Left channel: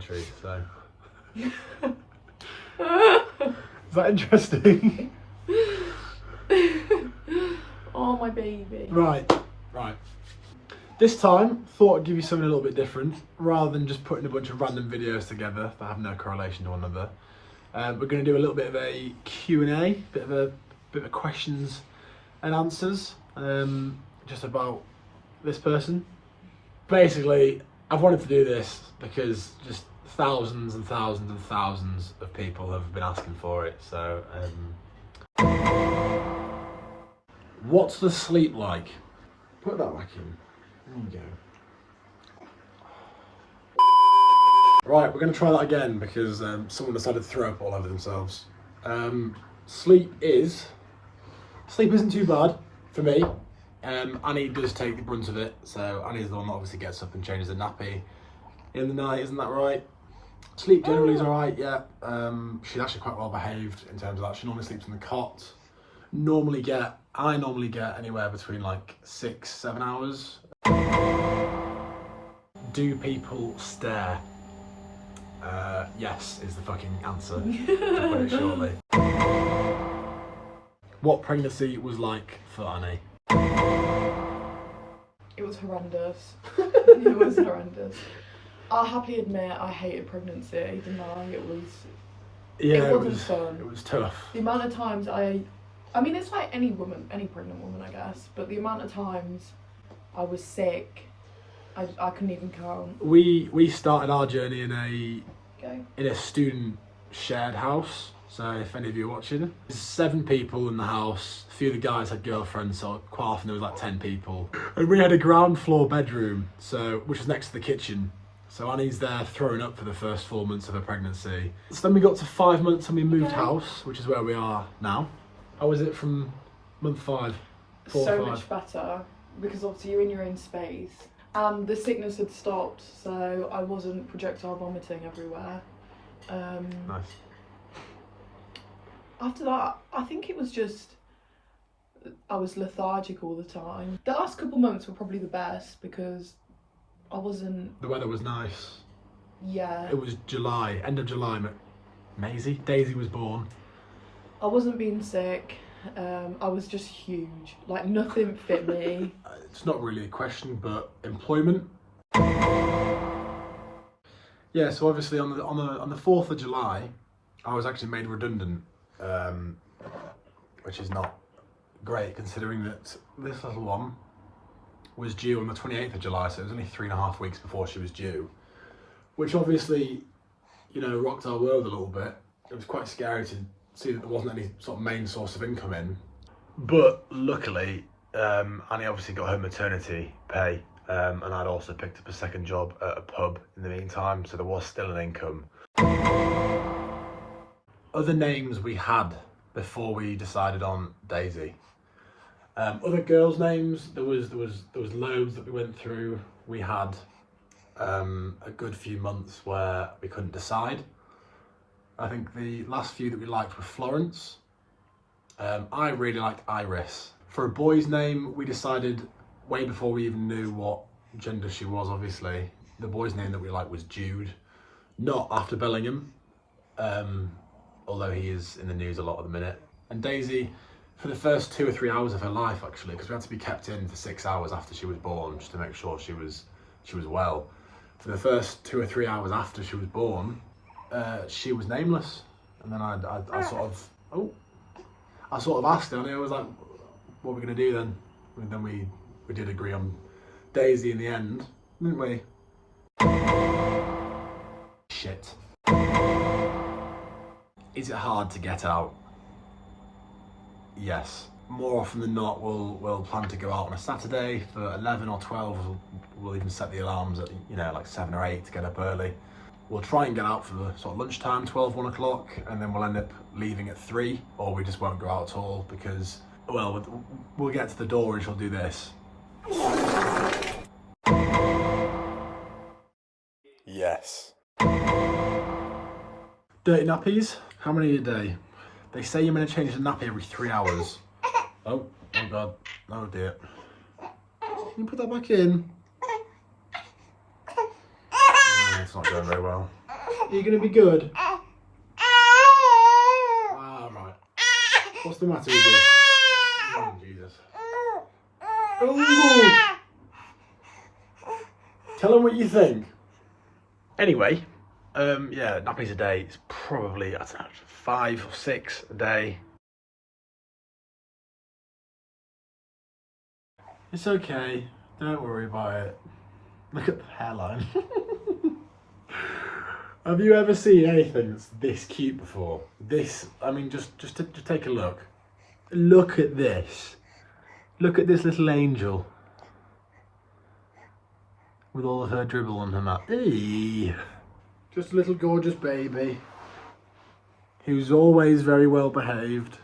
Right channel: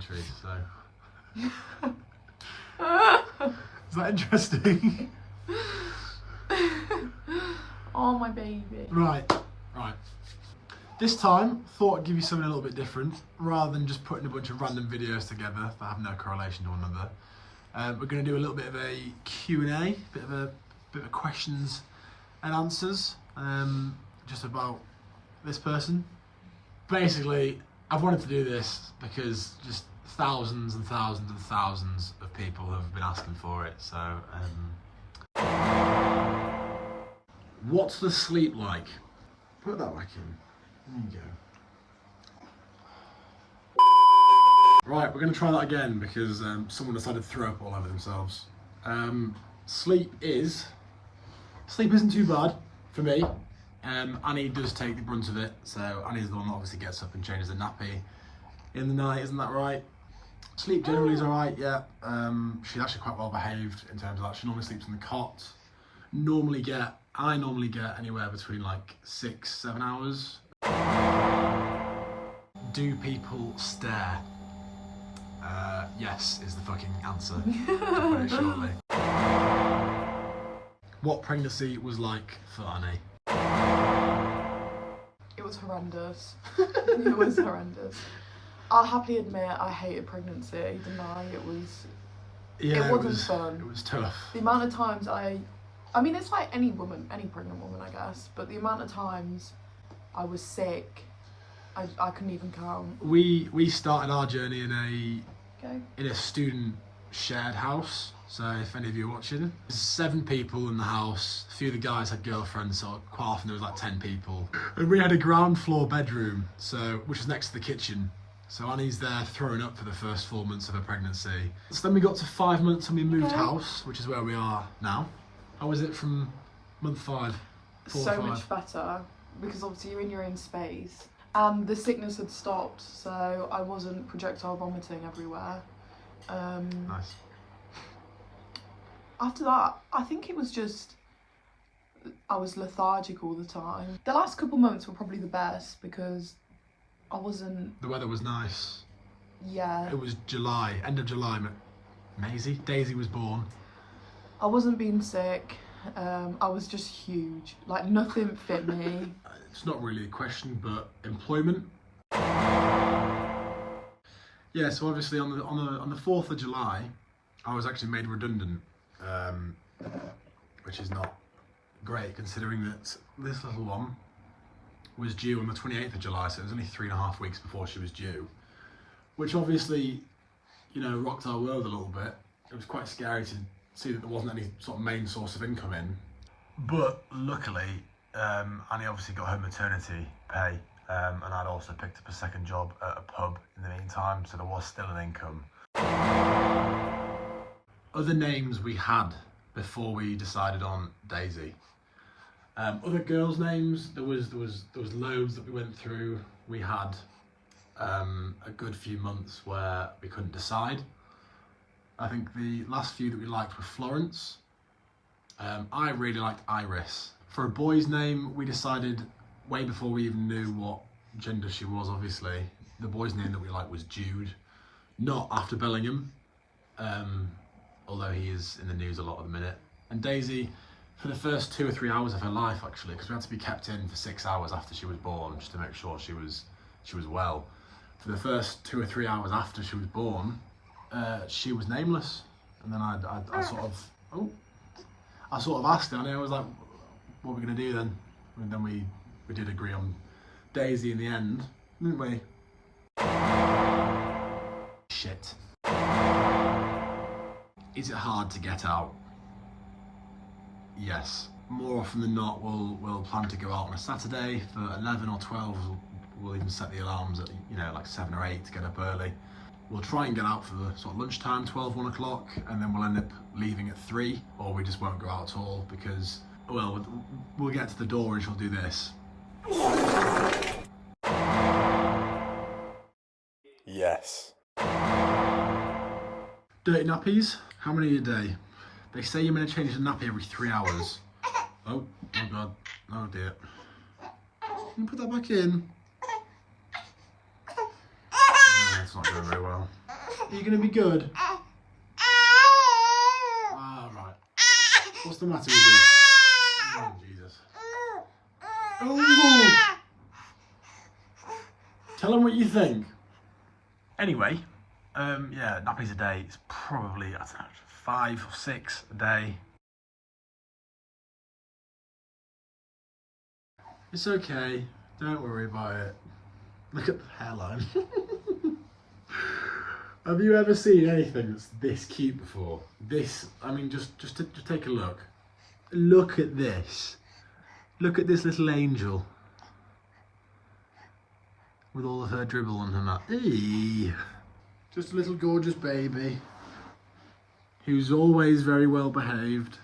entry, so. Is that interesting? Oh, my baby. Right. This time, thought I'd give you something a little bit different, rather than just putting a bunch of random videos together that have no correlation to one another. We're going to do a little bit of a Q&A, bit of questions and answers, just about this person. Basically, I've wanted to do this because just thousands and thousands and thousands of people have been asking for it. So, what's the sleep like? Put that back in. There you go. Right, we're going to try that again because someone decided to throw up all over themselves. Sleep isn't too bad for me. Annie does take the brunt of it, so Annie's the one that obviously gets up and changes the nappy in the night, isn't that right? Sleep generally is alright, yeah. She's actually quite well behaved in terms of that. She normally sleeps in the cot. I normally get anywhere between like 6-7 hours. Do people stare? Yes is the fucking answer, to put it shortly. What pregnancy was like for Annie? It was horrendous. It was horrendous. I'll happily admit I hated pregnancy. Didn't I? It wasn't fun. It was tough. The amount of times I mean, it's like any pregnant woman, I guess. But the amount of times I was sick, I couldn't even count. We started our journey in a student shared house. So if any of you are watching, there's 7 people in the house. A few of the guys had girlfriends, so quite often there was like 10 people. And we had a ground floor bedroom, which was next to the kitchen. So Annie's there throwing up for the first 4 months of her pregnancy. So then we got to 5 months and we moved house, which is where we are now. How was it from month 5? 4 so or 5? Much better, because obviously you're in your own space. And the sickness had stopped, so I wasn't projectile vomiting everywhere. Nice. After that, I think it was just, I was lethargic all the time. The last couple months were probably the best because I wasn't... The weather was nice. Yeah. It was July, end of July. Daisy was born. I wasn't being sick. I was just huge. Like, nothing fit me. It's not really a question, but employment. Yeah, so obviously on the 4th of July, I was actually made redundant, which is not great considering that this little one was due on the 28th of July, so it was only 3.5 weeks before she was due, which obviously, rocked our world a little bit. It was quite scary to see that there wasn't any sort of main source of income in. But luckily, Annie obviously got her maternity pay, and I'd also picked up a second job at a pub in the meantime, so there was still an income. Other names we had before we decided on Daisy. Other girls' names, there was loads that we went through. We had a good few months where we couldn't decide. I think the last few that we liked were Florence. I really liked Iris. For a boy's name, we decided way before we even knew what gender she was, obviously. The boy's name that we liked was Jude, not after Bellingham, although he is in the news a lot at the minute. And Daisy, for the first 2 or 3 hours of her life, actually, because we had to be kept in for 6 hours after she was born, just to make sure she was well. For the first 2 or 3 hours after she was born, she was nameless. And then I sort of asked her, and I was like, what are we going to do then? And then we did agree on Daisy in the end, didn't we? Shit. Is it hard to get out? Yes. More often than not, we'll plan to go out on a Saturday for 11 or 12. We'll even set the alarms at like 7 or 8 to get up early. We'll try and get out for the sort of lunchtime, 12, 1 o'clock, and then we'll end up leaving at 3, or we just won't go out at all because, well, we'll get to the door and she'll do this. Yes. Dirty nappies, how many a day? They say you're meant to change the nappy every 3 hours. Oh God, oh dear. Can you put that back in? It's not going very well. Are you going to be good? Ah, right. What's the matter with you? Oh, Jesus. Ooh. Tell them what you think. Anyway, yeah, nappies a day. It's probably, I don't know, 5 or 6 a day. It's okay. Don't worry about it. Look at the hairline. Have you ever seen anything that's this cute before? This, I mean, just take a look. Look at this. Look at this little angel. With all of her dribble on her mouth. Eee. Just a little gorgeous baby. Who's always very well behaved.